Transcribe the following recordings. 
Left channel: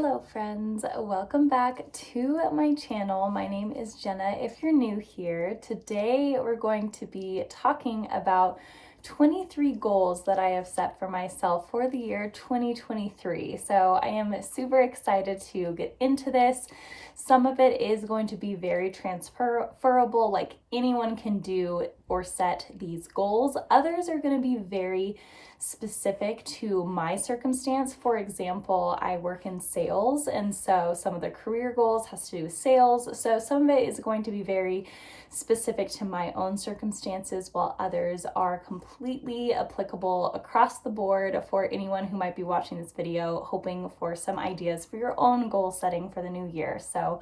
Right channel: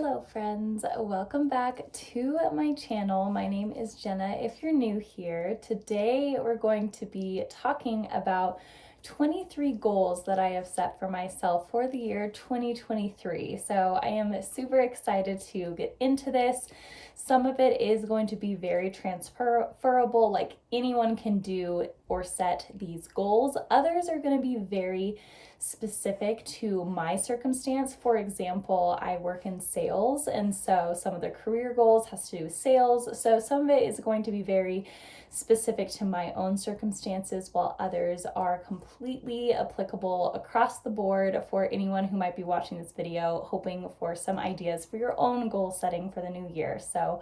Hello friends, welcome back to my channel. My name is Jenna. If you're new here, today we're going to be talking about 23 goals that I have set for myself for the year 2023. So I am super excited to get into this. Some of it is going to be very transferable, like anyone can do or set these goals. Others are going to be very specific to my circumstance. For example, I work in sales, and so some of the career goals has to do with sales. So some of it is going to be very specific to my own circumstances, while others are completely applicable across the board for anyone who might be watching this video, hoping for some ideas for your own goal setting for the new year. So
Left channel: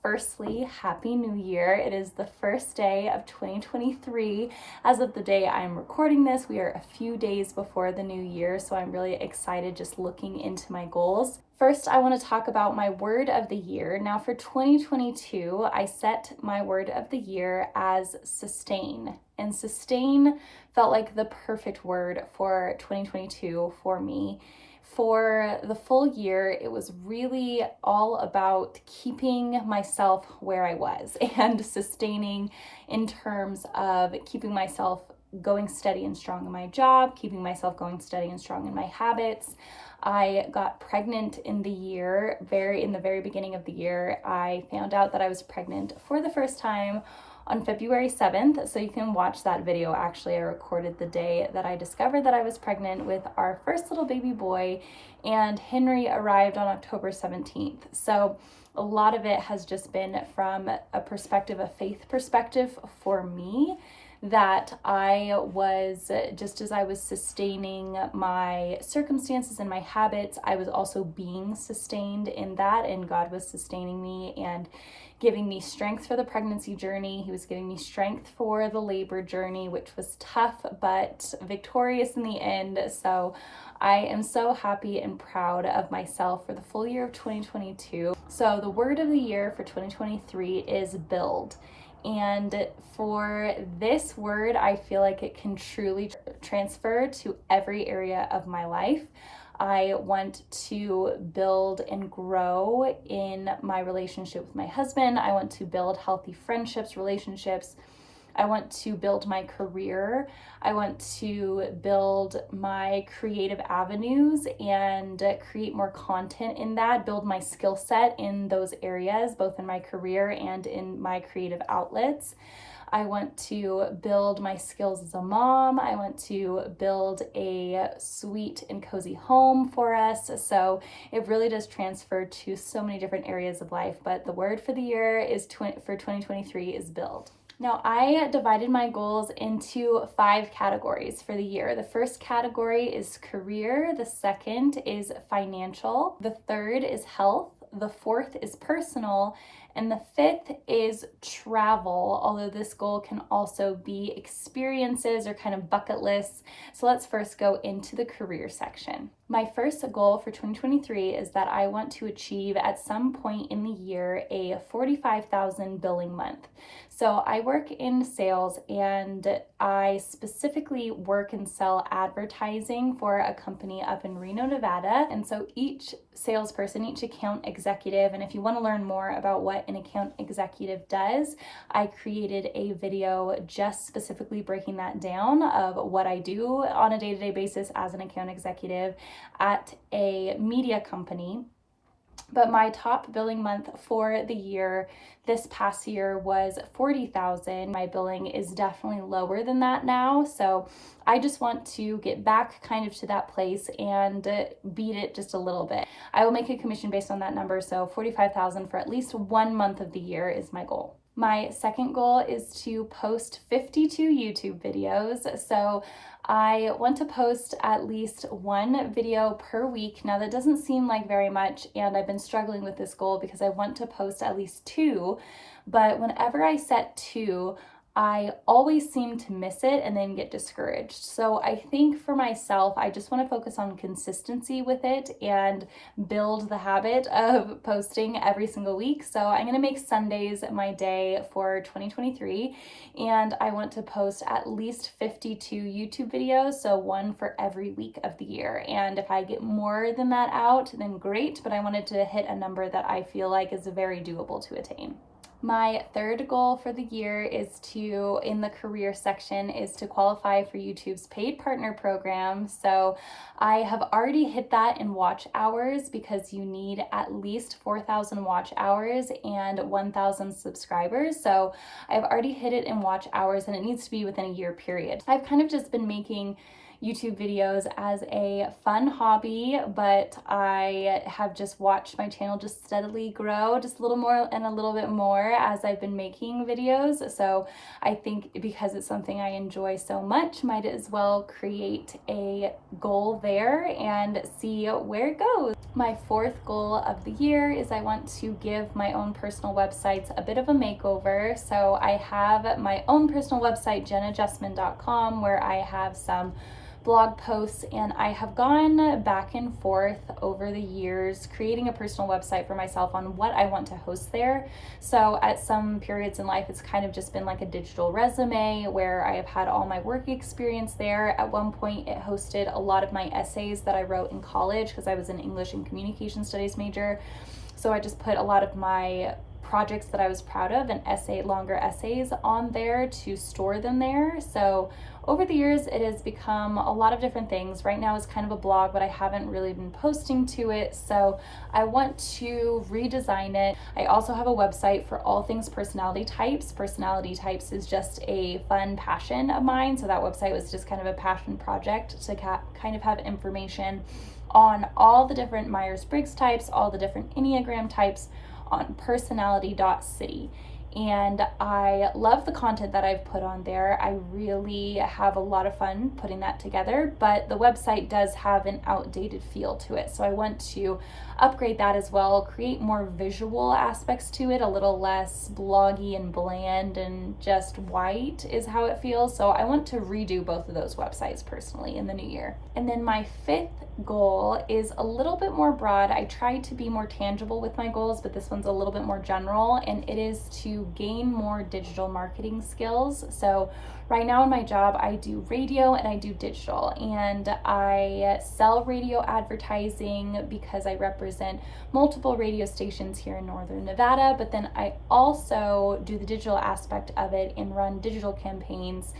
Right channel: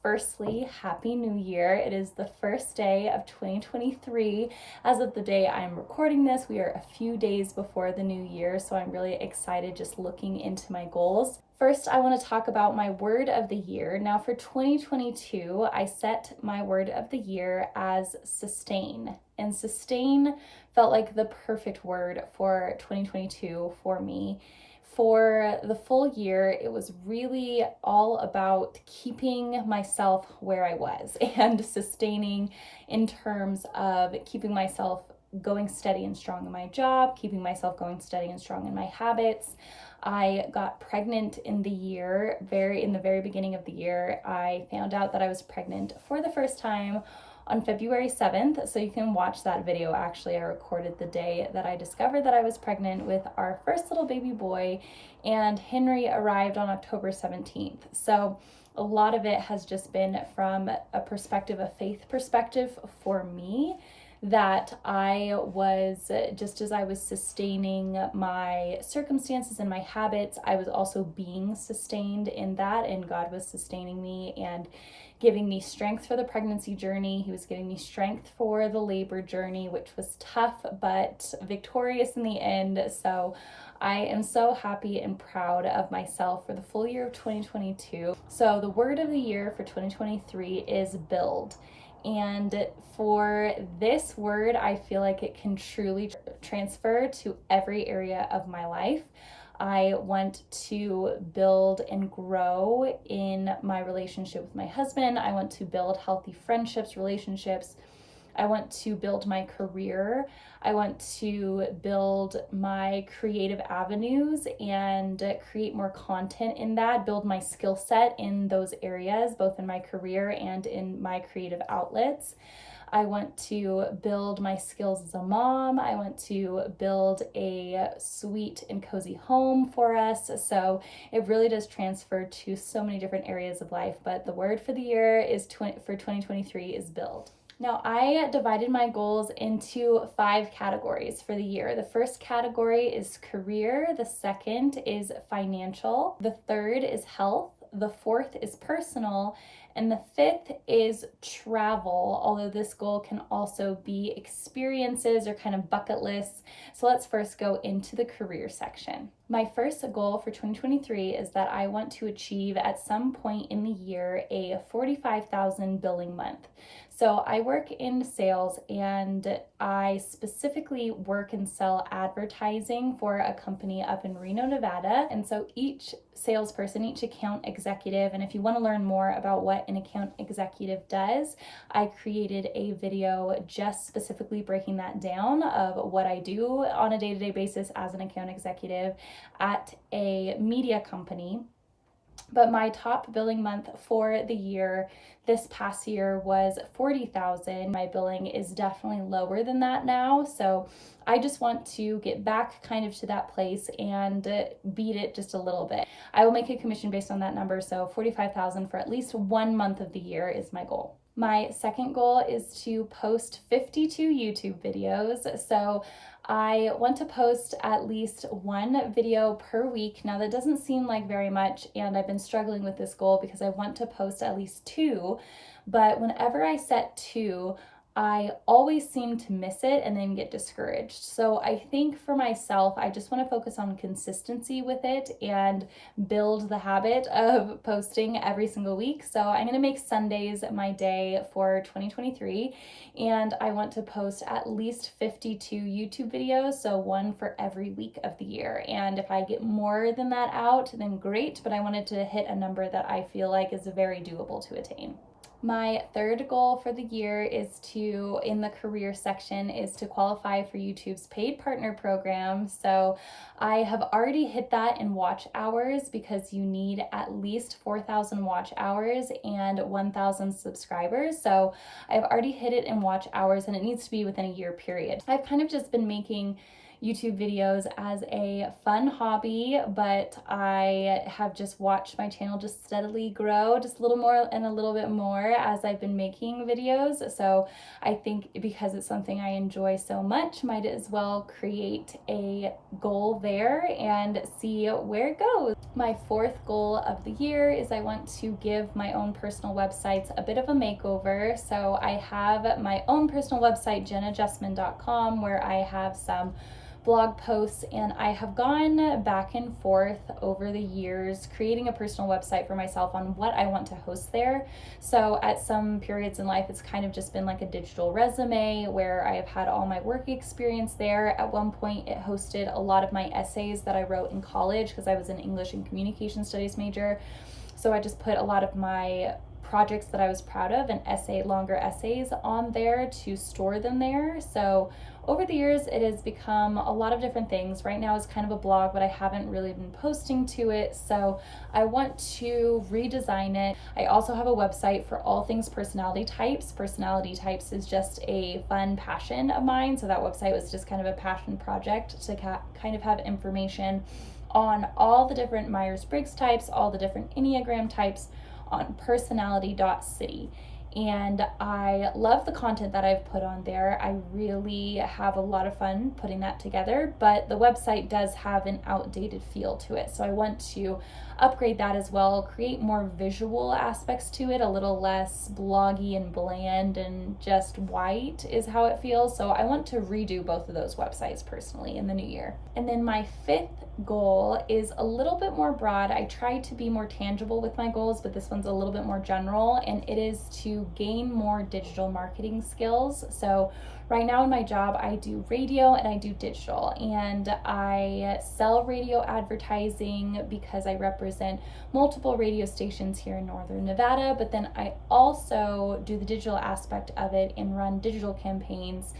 firstly, Happy New Year. It is the first day of 2023. As of the day I'm recording this, we are a few days before the new year, so I'm really excited just looking into my goals. First, I want to talk about my word of the year. Now for 2022, I set my word of the year as sustain. And sustain felt like the perfect word for 2022 for me. For the full year, it was really all about keeping myself where I was and sustaining in terms of keeping myself going steady and strong in my job, keeping myself going steady and strong in my habits. I got pregnant in the very beginning of the year. I found out that I was pregnant for the first time on February 7th, so you can watch that video. Actually, I recorded the day that I discovered that I was pregnant with our first little baby boy, and Henry arrived on October 17th. So a lot of it has just been from a perspective, a faith perspective for me, that I was, just as I was sustaining my circumstances and my habits, I was also being sustained in that, and God was sustaining me and giving me strength for the pregnancy journey. He was giving me strength for the labor journey, which was tough but victorious in the end. So I am so happy and proud of myself for the full year of 2022. So the word of the year for 2023 is build. And for this word, I feel like it can truly transfer to every area of my life. I want to build and grow in my relationship with my husband. I want to build healthy friendships, relationships. I want to build my career. I want to build my creative avenues and create more content in that, build my skill set in those areas, both in my career and in my creative outlets. I want to build my skills as a mom. I want to build a sweet and cozy home for us. So it really does transfer to so many different areas of life. But the word for the year is for 2023 is build. Now, I divided my goals into 5 categories for the year. The first category is career. The second is financial. The third is health. The fourth is personal. And the fifth is travel, although this goal can also be experiences or kind of bucket lists. So let's first go into the career section. My first goal for 2023 is that I want to achieve at some point in the year a 45,000 billing month. So I work in sales, and I specifically work and sell advertising for a company up in Reno, Nevada. And so each salesperson, each account executive, and if you want to learn more about what an account executive does, I created a video just specifically breaking that down of what I do on a day-to-day basis as an account executive at a media company. But my top billing month for the year this past year was 40,000. My billing is definitely lower than that now. So I just want to get back kind of to that place and beat it just a little bit. I will make a commission based on that number. So 45,000 for at least 1 month of the year is my goal. My second goal is to post 52 YouTube videos. So I want to post at least 1 video per week. Now that doesn't seem like very much, and I've been struggling with this goal because I want to post at least 2, but whenever I set 2, I always seem to miss it and then get discouraged. So I think for myself, I just want to focus on consistency with it and build the habit of posting every single week. So I'm going to make Sundays my day for 2023, and I want to post at least 52 YouTube videos, so one for every week of the year. And if I get more than that out, then great, but I wanted to hit a number that I feel like is very doable to attain. My third goal for the year is to, in the career section, is to qualify for YouTube's paid partner program. So I have already hit that in watch hours, because you need at least 4,000 watch hours and 1,000 subscribers. So I've already hit it in watch hours, and it needs to be within a year period. I've kind of just been making YouTube videos as a fun hobby, but I have just watched my channel just steadily grow, just a little more and a little bit more as I've been making videos. So I think because it's something I enjoy so much, might as well create a goal there and see where it goes. My fourth goal of the year is I want to give my own personal websites a bit of a makeover. So I have my own personal website, jennajustman.com, where I have some blog posts, and I have gone back and forth over the years creating a personal website for myself on what I want to host there. So at some periods in life, it's kind of just been like a digital resume where I have had all my work experience there. At one point, it hosted a lot of my essays that I wrote in college, because I was an English and Communication Studies major. So I just put a lot of my projects that I was proud of and longer essays on there to store them there. So over the years, it has become a lot of different things. Right now it's kind of a blog, but I haven't really been posting to it. So I want to redesign it. I also have a website for all things personality types. Personality types is just a fun passion of mine. So that website was just kind of a passion project to kind of have information on all the different Myers-Briggs types, all the different Enneagram types on personality.city. And I love the content that I've put on there. I really have a lot of fun putting that together, but the website does have an outdated feel to it. So I want to upgrade that as well, create more visual aspects to it, a little less bloggy and bland and just white is how it feels. So I want to redo both of those websites personally in the new year. And then my fifth goal is a little bit more broad. I try to be more tangible with my goals, but this one's a little bit more general, and it is to gain more digital marketing skills. So right now in my job, I do radio and I do digital, and I sell radio advertising because I represent multiple radio stations here in Northern Nevada, but then I also do the digital aspect of it and run digital campaigns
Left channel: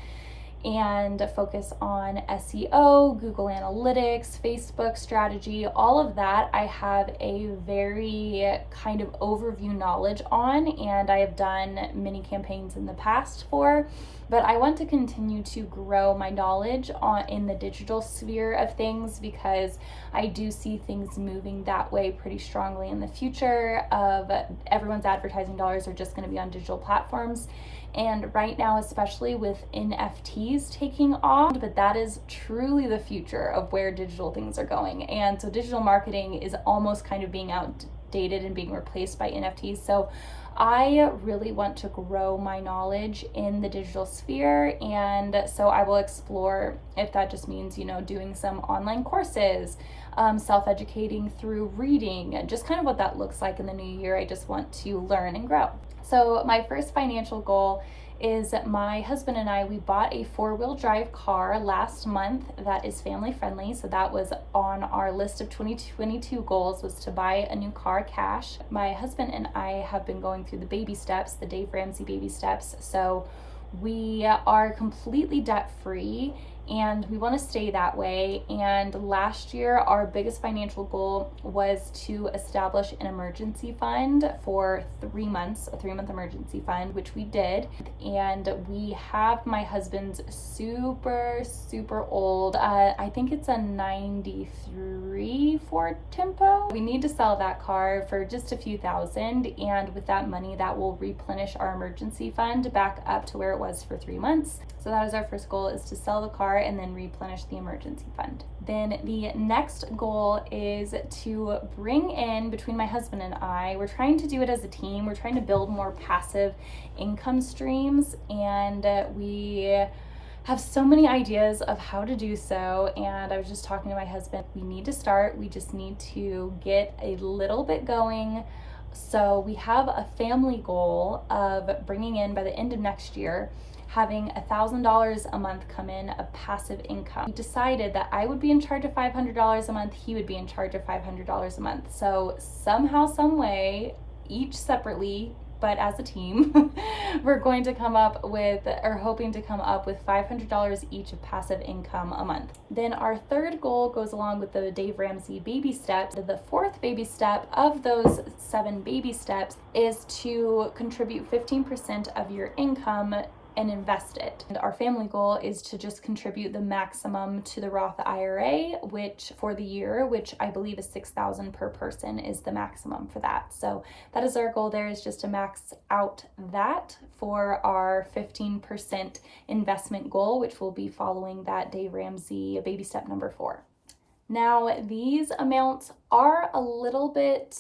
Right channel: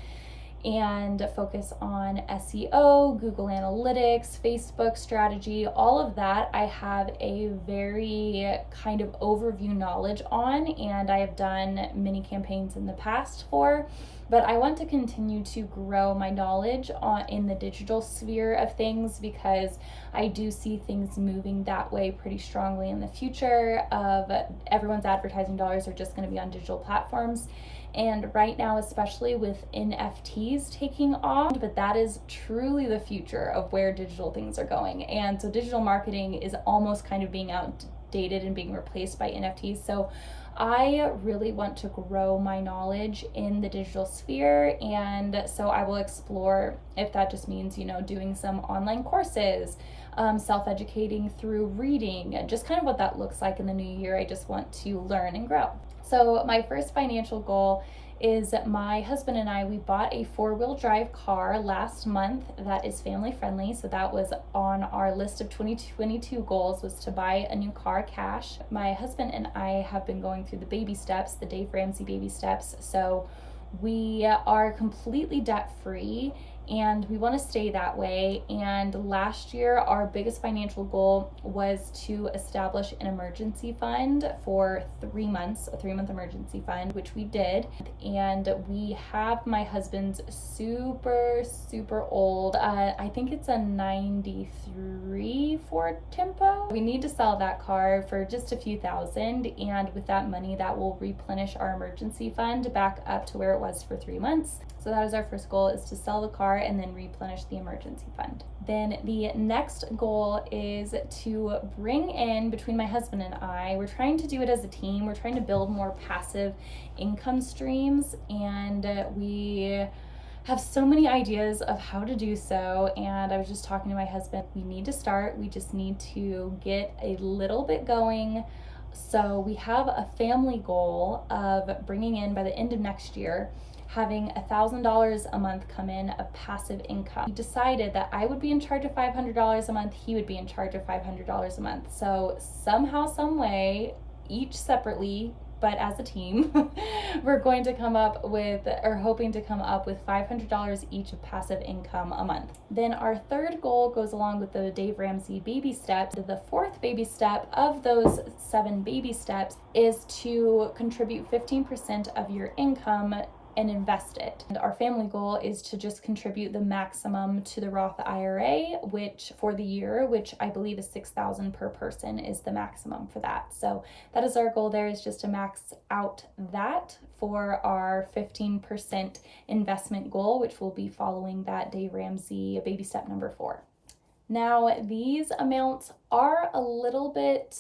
and focus on SEO, Google Analytics, Facebook strategy, all of that I have a very kind of overview knowledge on, and I have done many campaigns in the past for, but I want to continue to grow my knowledge in the digital sphere of things, because I do see things moving that way pretty strongly in the future of everyone's advertising dollars are just going to be on digital platforms. And right now, especially with NFTs taking off, but that is truly the future of where digital things are going. And so digital marketing is almost kind of being outdated and being replaced by NFTs. So I really want to grow my knowledge in the digital sphere. And so I will explore if that just means, doing some online courses, self-educating through reading, just kind of what that looks like in the new year. I just want to learn and grow. So my first financial goal is my husband and I, we bought a 4-wheel drive car last month that is family friendly. So that was on our list of 2022 goals, was to buy a new car cash. My husband and I have been going through the baby steps, the Dave Ramsey baby steps. So we are completely debt free, and we want to stay that way. And last year, our biggest financial goal was to establish an emergency fund for 3 months, a 3-month emergency fund, which we did. And we have my husband's super old, I think it's a 93 Ford Tempo. We need to sell that car for just a few thousand. And with that money, that will replenish our emergency fund back up to where it was for 3 months. So that is our first goal, is to sell the car and then replenish the emergency fund. Then the next goal is to bring in, between my husband and I, we're trying to do it as a team. We're trying to build more passive income streams, and we have so many ideas of how to do so. And I was just talking to my husband, we need to start, we just need to get a little bit going. So we have a family goal of bringing in, by the end of next year, having $1,000 a month come in of passive income. We decided that I would be in charge of $500 a month, he would be in charge of $500 a month. So somehow, some way, each separately, but as a team, we're going to come up with, or hoping to come up with, $500 each of passive income a month. Then our third goal goes along with the Dave Ramsey baby steps. The fourth baby step of those 7 baby steps is to contribute 15% of your income and invest it. And our family goal is to just contribute the maximum to the Roth IRA, which for the year, which I believe is $6,000 per person, is the maximum for that. So that is our goal there, is just to max out that for our 15% investment goal, which will be following that Dave Ramsey baby step number 4. Now, these amounts are a little bit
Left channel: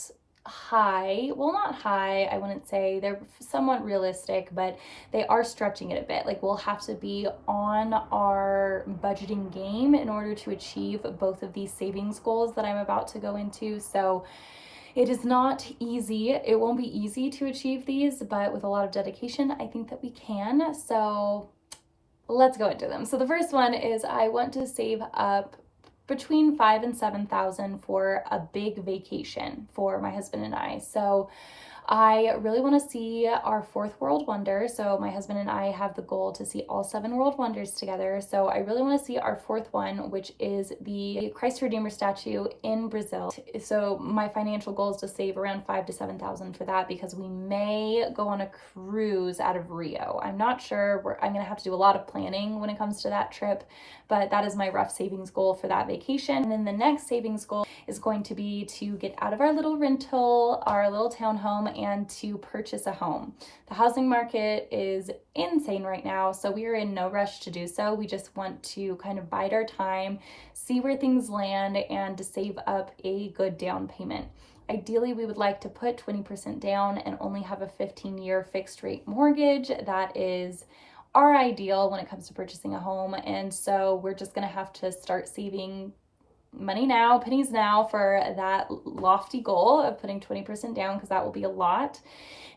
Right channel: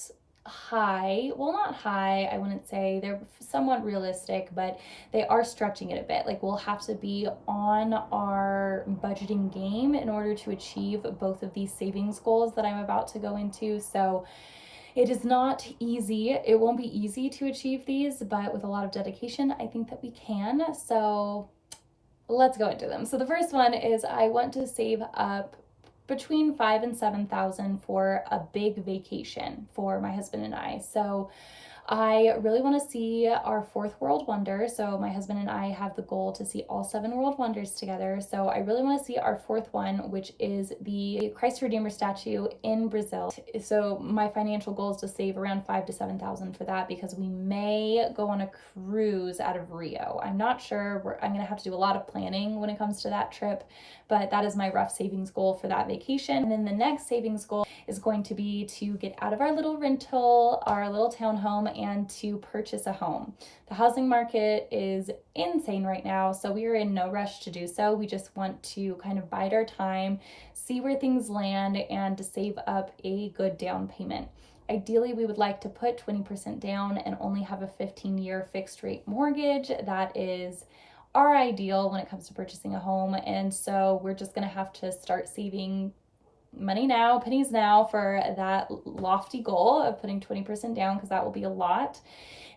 high. Well, not high, I wouldn't say. They're somewhat realistic, but they are stretching it a bit. Like, we'll have to be on our budgeting game in order to achieve both of these savings goals that I'm about to go into. So it is not easy. It won't be easy to achieve these, but with a lot of dedication, I think that we can. So let's go into them. So the first one is, I want to save up between $5,000 and $7,000 for a big vacation for my husband and I. So I really want to see our 4th world wonder. So my husband and I have the goal to see all 7 world wonders together. So I really want to see our 4th one, which is the Christ Redeemer statue in Brazil. So my financial goal is to save around $5,000 to $7,000 for that, because we may go on a cruise out of Rio. I'm not sure. I'm going to have to do a lot of planning when it comes to that trip, but that is my rough savings goal for that vacation. And then the next savings goal is going to be to get out of our little rental, our little townhome, and to purchase a home. The housing market is insane right now, so we are in no rush to do so. We just want to kind of bide our time, see where things land, and to save up a good down payment. Ideally, we would like to put 20% down and only have a 15-year fixed rate mortgage. That is our ideal when it comes to purchasing a home. And so we're just going to have to start saving money now, pennies now, for that lofty goal of putting 20% down, because that will be a lot.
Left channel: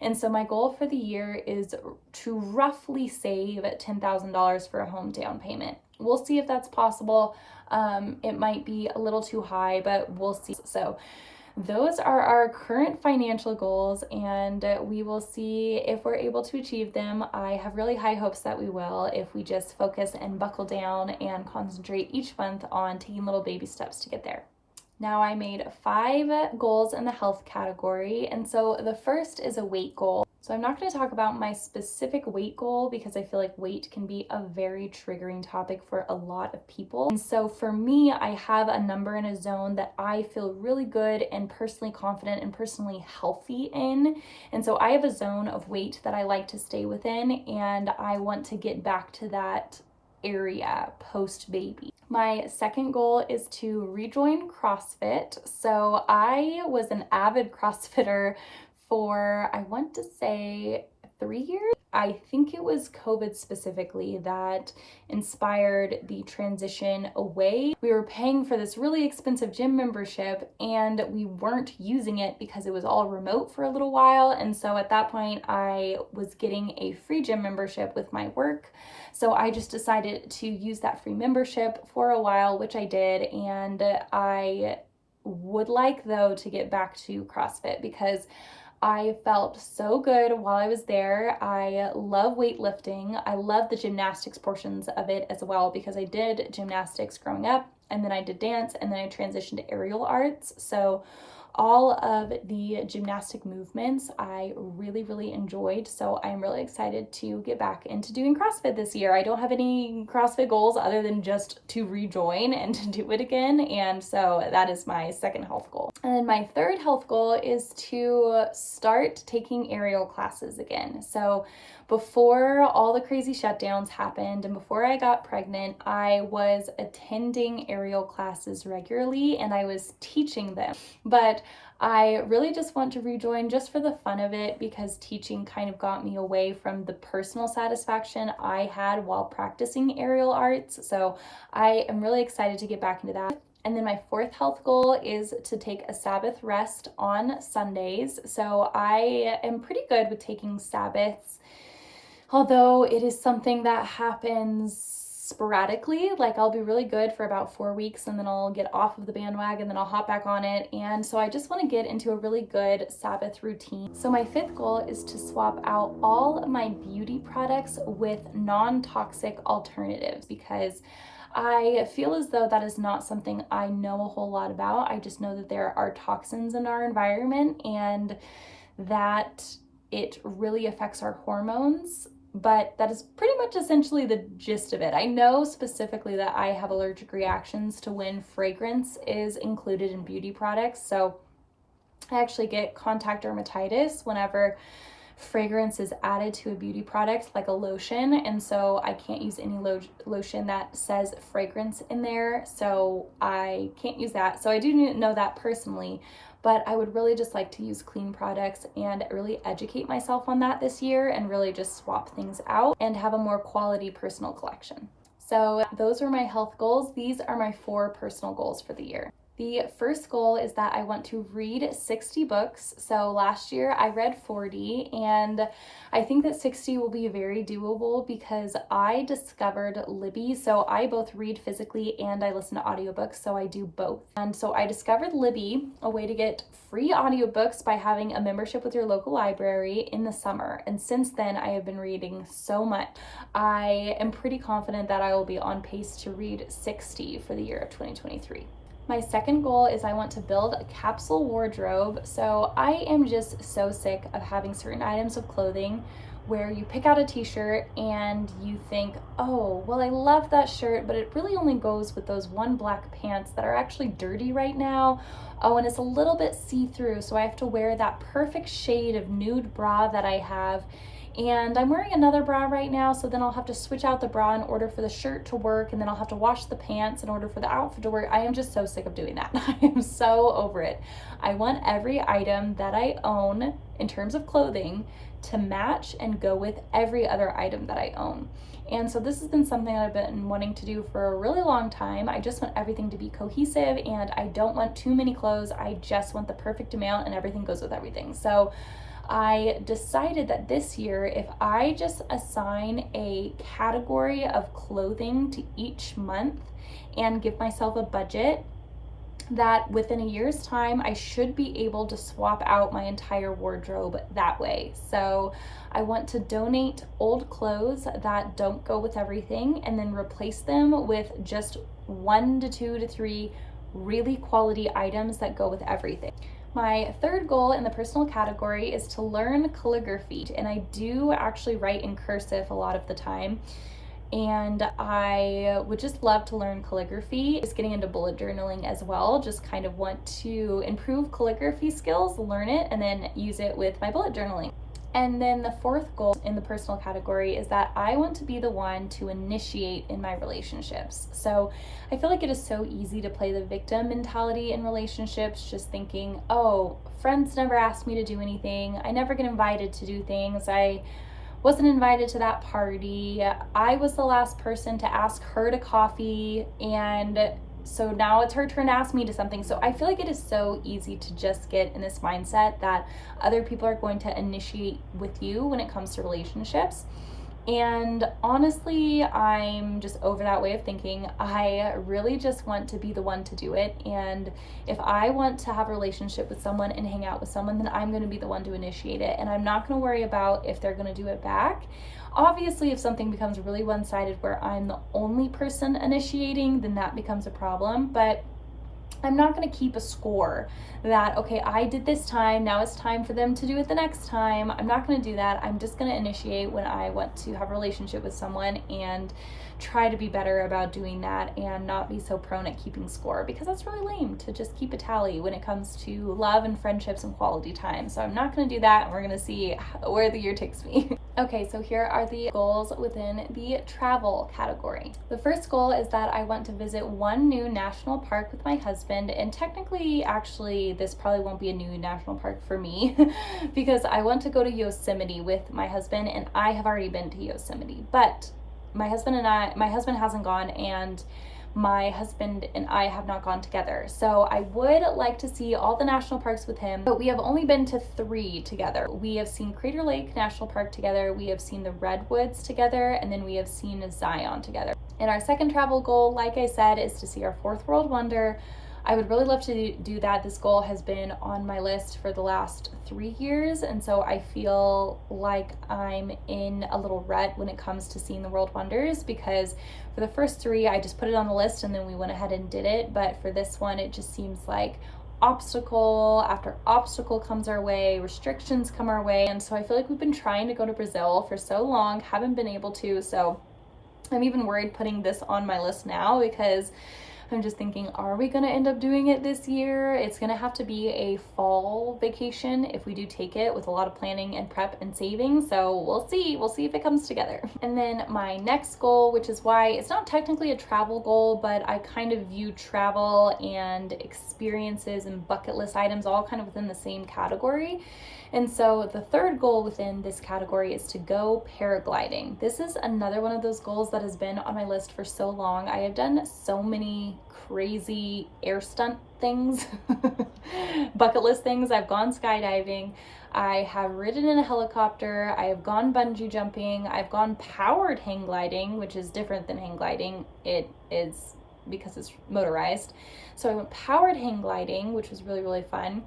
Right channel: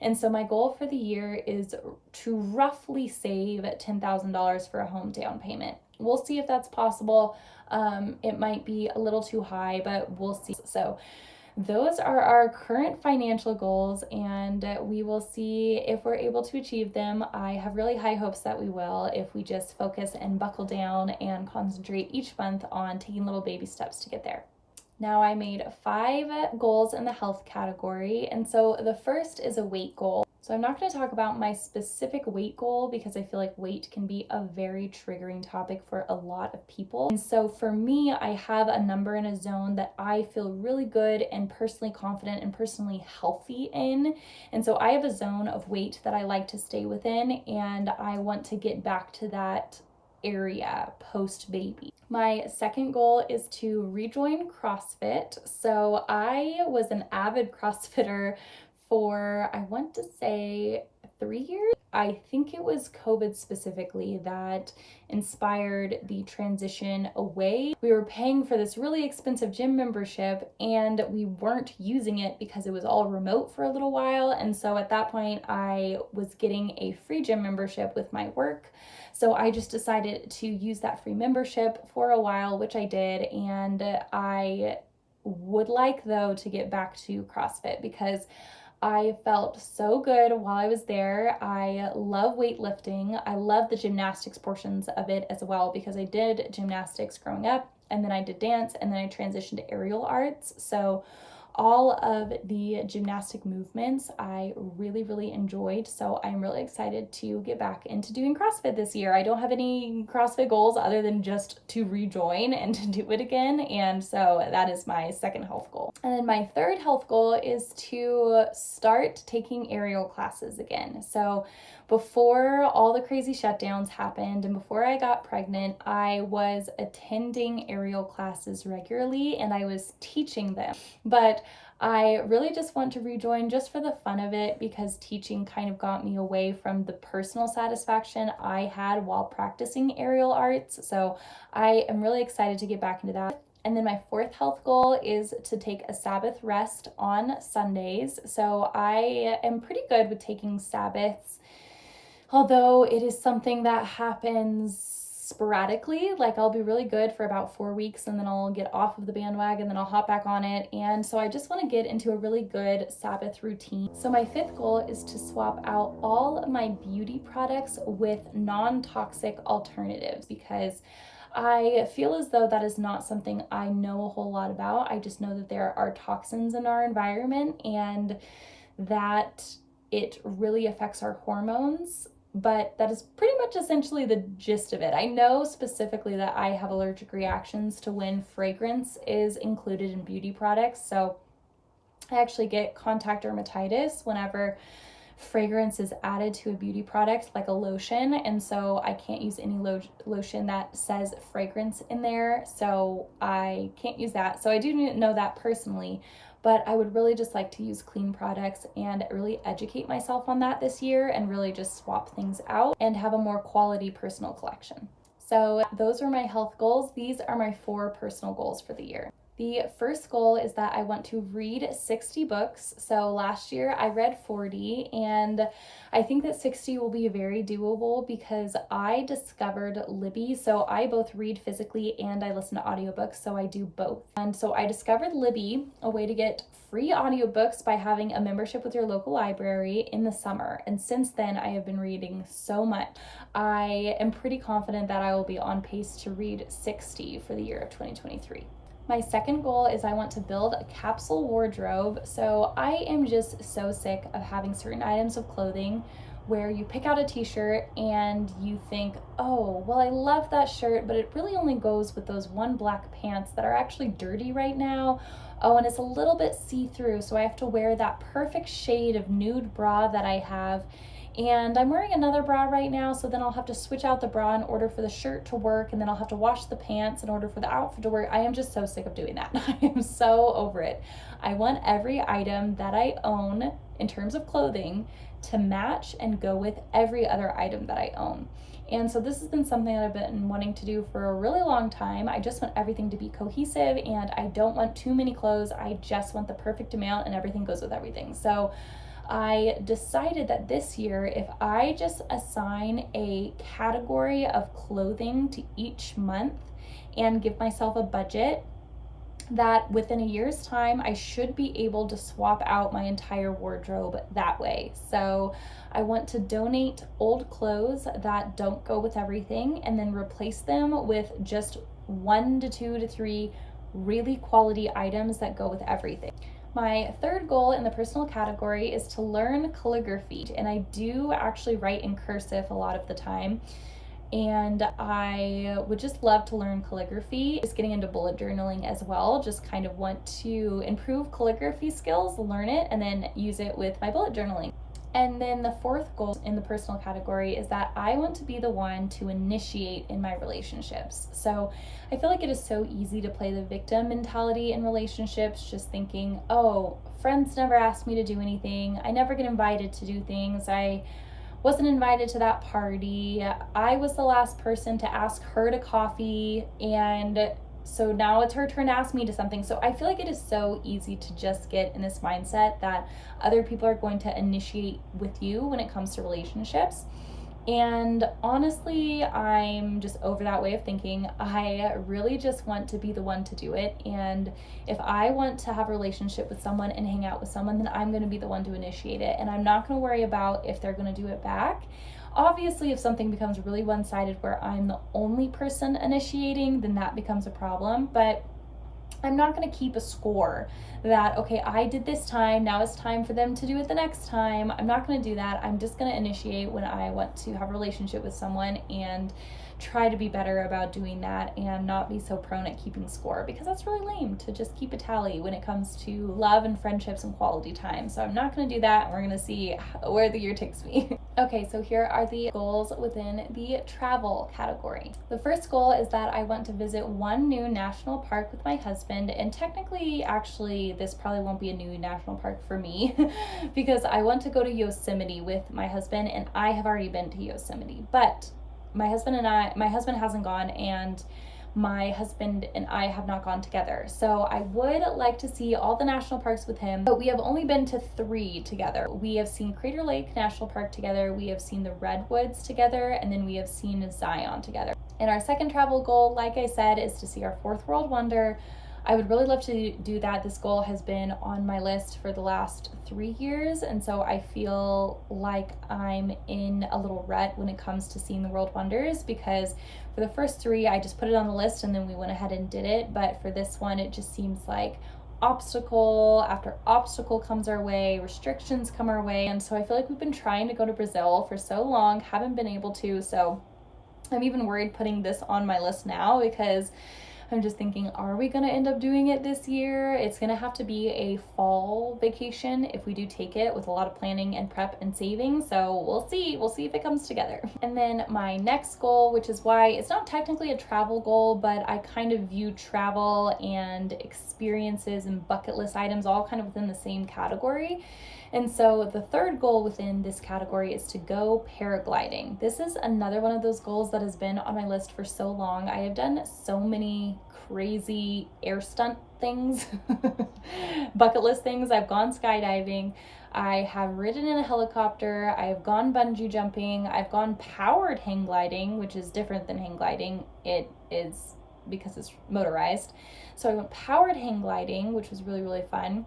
And so my goal for the year is to roughly save $10,000 for a home down payment. We'll see if that's possible. It might be a little too high, but we'll see. So those are our current financial goals, and we will see if we're able to achieve them. I have really high hopes that we will, if we just focus and buckle down and concentrate each month on taking little baby steps to get there. Now, I made 5 goals in the health category, and so the first is a weight goal. So I'm not going to talk about my specific weight goal, because I feel like weight can be a very triggering topic for a lot of people. And so for me, I have a number in a zone that I feel really good and personally confident and personally healthy in. And so I have a zone of weight that I like to stay within, and I want to get back to that area post-baby. My second goal is to rejoin CrossFit. So I was an avid CrossFitter for, I want to say, 3 years. I think it was COVID specifically that inspired the transition away. We were paying for this really expensive gym membership, and we weren't using it because it was all remote for a little while. And so at that point, I was getting a free gym membership with my work. So I just decided to use that free membership for a while, which I did. And I would like, though, to get back to CrossFit, because I felt so good while I was there. I love weightlifting. I love the gymnastics portions of it as well, because I did gymnastics growing up, and then I did dance, and then I transitioned to aerial arts. So all of the gymnastic movements I really, really enjoyed. So I'm really excited to get back into doing CrossFit this year. I don't have any CrossFit goals other than just to rejoin and to do it again. And so that is my second health goal. And then my third health goal is to start taking aerial classes again. So before all the crazy shutdowns happened and before I got pregnant, I was attending aerial classes regularly and I was teaching them. But I really just want to rejoin just for the fun of it, because teaching kind of got me away from the personal satisfaction I had while practicing aerial arts. So I am really excited to get back into that. And then my fourth health goal is to take a Sabbath rest on Sundays. So I am pretty good with taking Sabbaths, although it is something that happens sporadically. Like, I'll be really good for about 4 weeks and then I'll get off of the bandwagon, then I'll hop back on it. And so I just want to get into a really good Sabbath routine. So my fifth goal is to swap out all of my beauty products with non-toxic alternatives, because I feel as though that is not something I know a whole lot about. I just know that there are toxins in our environment and that it really affects our hormones, but that is pretty much essentially the gist of it. I know specifically that I have allergic reactions to when fragrance is included in beauty products. So I actually get contact dermatitis whenever fragrance is added to a beauty product, like a lotion, and so I can't use any lotion that says fragrance in there, so I can't use that. So I do know that personally, but I would really just like to use clean products and really educate myself on that this year and really just swap things out and have a more quality personal collection. So those were my health goals. These are my 4 personal goals for the year. The first goal is that I want to read 60 books. So last year I read 40, and I think that 60 will be very doable because I discovered Libby. So I both read physically and I listen to audiobooks, so I do both. And so I discovered Libby, a way to get free audiobooks by having a membership with your local library in the summer. And since then I have been reading so much. I am pretty confident that I will be on pace to read 60 for the year of 2023. My second goal is I want to build a capsule wardrobe. So I am just so sick of having certain items of clothing where you pick out a t-shirt and you think, oh, well, I love that shirt, but it really only goes with those 1 black pants that are actually dirty right now. Oh, and it's a little bit see-through, so I have to wear that perfect shade of nude bra that I have. And I'm wearing another bra right now, so then I'll have to switch out the bra in order for the shirt to work, and then I'll have to wash the pants in order for the outfit to work. I am just so sick of doing that. I am so over it. I want every item that I own in terms of clothing to match and go with every other item that I own. And so this has been something that I've been wanting to do for a really long time. I just want everything to be cohesive, and I don't want too many clothes. I just want the perfect amount and everything goes with everything. So I decided that this year, if I just assign a category of clothing to each month and give myself a budget, that within a year's time, I should be able to swap out my entire wardrobe that way. So I want to donate old clothes that don't go with everything and then replace them with just 1 to 2 to 3 really quality items that go with everything. My third goal in the personal category is to learn calligraphy, and I do actually write in cursive a lot of the time, and I would just love to learn calligraphy. Just getting into bullet journaling as well, just kind of want to improve calligraphy skills, learn it, and then use it with my bullet journaling. And then the fourth goal in the personal category is that I want to be the one to initiate in my relationships. So I feel like it is so easy to play the victim mentality in relationships, just thinking, oh, friends never asked me to do anything. I never get invited to do things. I wasn't invited to that party. I was the last person to ask her to coffee, and so now it's her turn to ask me to something. So I feel like it is so easy to just get in this mindset that other people are going to initiate with you when it comes to relationships. And honestly, I'm just over that way of thinking. I really just want to be the one to do it. And if I want to have a relationship with someone and hang out with someone, then I'm going to be the one to initiate it. And I'm not going to worry about if they're going to do it back. Obviously, if something becomes really one-sided where I'm the only person initiating, then that becomes a problem. But I'm not going to keep a score that, okay, I did this time, now it's time for them to do it the next time. I'm not going to do that. I'm just going to initiate when I want to have a relationship with someone and try to be better about doing that and not be so prone at keeping score, because that's really lame to just keep a tally when it comes to love and friendships and quality time. So I'm not going to do that, and we're going to see where the year takes me. Okay, so here are the goals within the travel category. The first goal is that I want to visit one new national park with my husband, and technically, actually, this probably won't be a new national park for me because I want to go to Yosemite with my husband, and I have already been to Yosemite, but my husband hasn't gone, and my husband and I have not gone together. So I would like to see all the national parks with him, but we have only been to 3 together. We have seen Crater Lake National Park together, we have seen the Redwoods together, and then we have seen Zion together. And our second travel goal, like I said, is to see our 4th world wonder. I would really love to do that. This goal has been on my list for the last 3 years, and so I feel like I'm in a little rut when it comes to seeing the world wonders, because for the first 3, I just put it on the list and then we went ahead and did it. But for this one, it just seems like obstacle after obstacle comes our way, restrictions come our way, and so I feel like we've been trying to go to Brazil for so long, haven't been able to, so I'm even worried putting this on my list now, because I'm just thinking, are we going to end up doing it this year? It's going to have to be a fall vacation if we do take it, with a lot of planning and prep and saving. So we'll see. We'll see if it comes together. And then my next goal, which is why it's not technically a travel goal, but I kind of view travel and experiences and bucket list items all kind of within the same category. And so the third goal within this category is to go paragliding. This is another one of those goals that has been on my list for so long. I have done so many crazy air stunt things, bucket list things. I've gone skydiving, I have ridden in a helicopter, I have gone bungee jumping, I've gone powered hang gliding, which is different than hang gliding. It is because it's motorized. So I went powered hang gliding, which was really, really fun.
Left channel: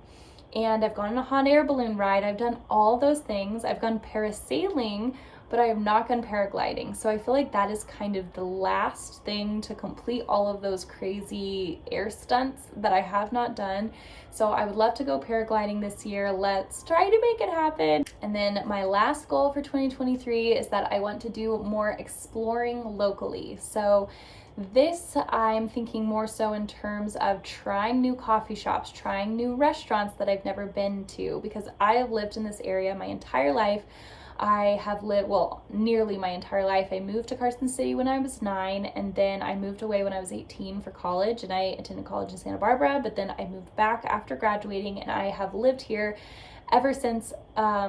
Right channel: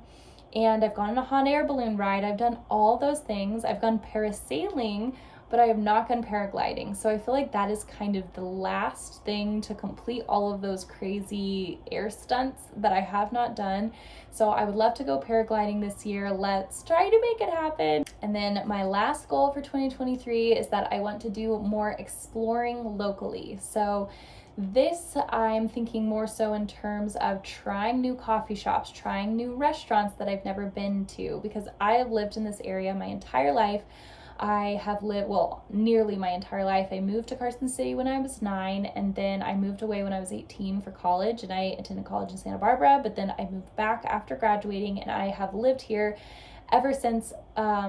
And I've gone on a hot air balloon ride. I've done all those things. I've gone parasailing, but I have not gone paragliding. So I feel like that is kind of the last thing to complete all of those crazy air stunts that I have not done. So I would love to go paragliding this year. Let's try to make it happen. And then my last goal for 2023 is that I want to do more exploring locally. So this, I'm thinking more so in terms of trying new coffee shops, trying new restaurants that I've never been to, because I have lived in this area my entire life. I have lived, well, nearly my entire life. I moved to Carson City when I was 9, and then I moved away when I was 18 for college, and I attended college in Santa Barbara, but then I moved back after graduating, and I have lived here ever since I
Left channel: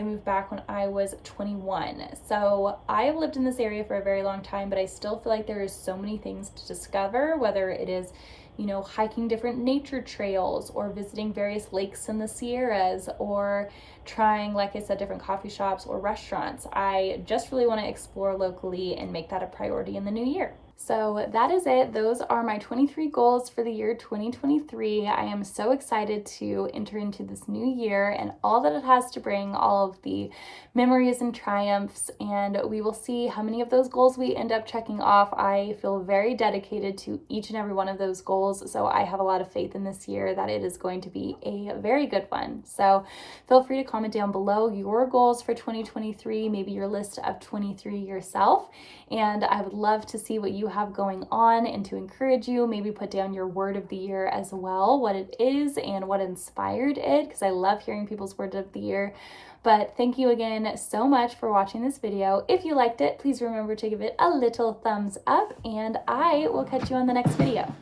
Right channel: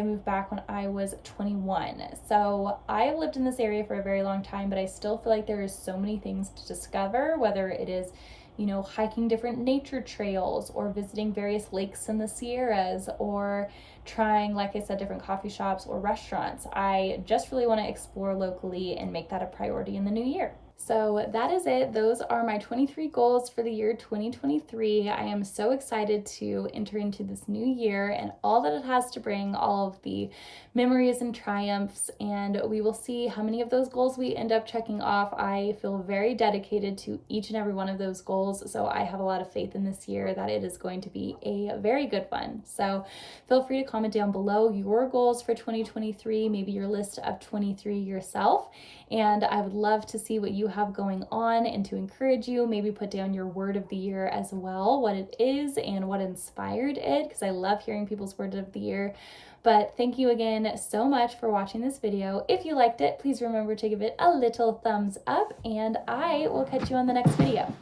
moved back when I was 21. So I've lived in this area for a very long time, but I still feel like there is so many things to discover, whether it is, you know, hiking different nature trails, or visiting various lakes in the Sierras, or trying, like I said, different coffee shops or restaurants. I just really want to explore locally and make that a priority in the new year. So that is it. Those are my 23 goals for the year 2023. I am so excited to enter into this new year and all that it has to bring, all of the memories and triumphs, and we will see how many of those goals we end up checking off. I feel very dedicated to each and every one of those goals, so I have a lot of faith in this year that it is going to be a very good one. So feel free to comment down below your goals for 2023, maybe your list of 23 yourself, and I would love to see what you have going on and to encourage you. Maybe put down your word of the year as well, what it is and what inspired it, because I love hearing people's word of the year. But thank you again so much for watching this video. If you liked it, please remember to give it a little thumbs up, and I will catch you on the next video.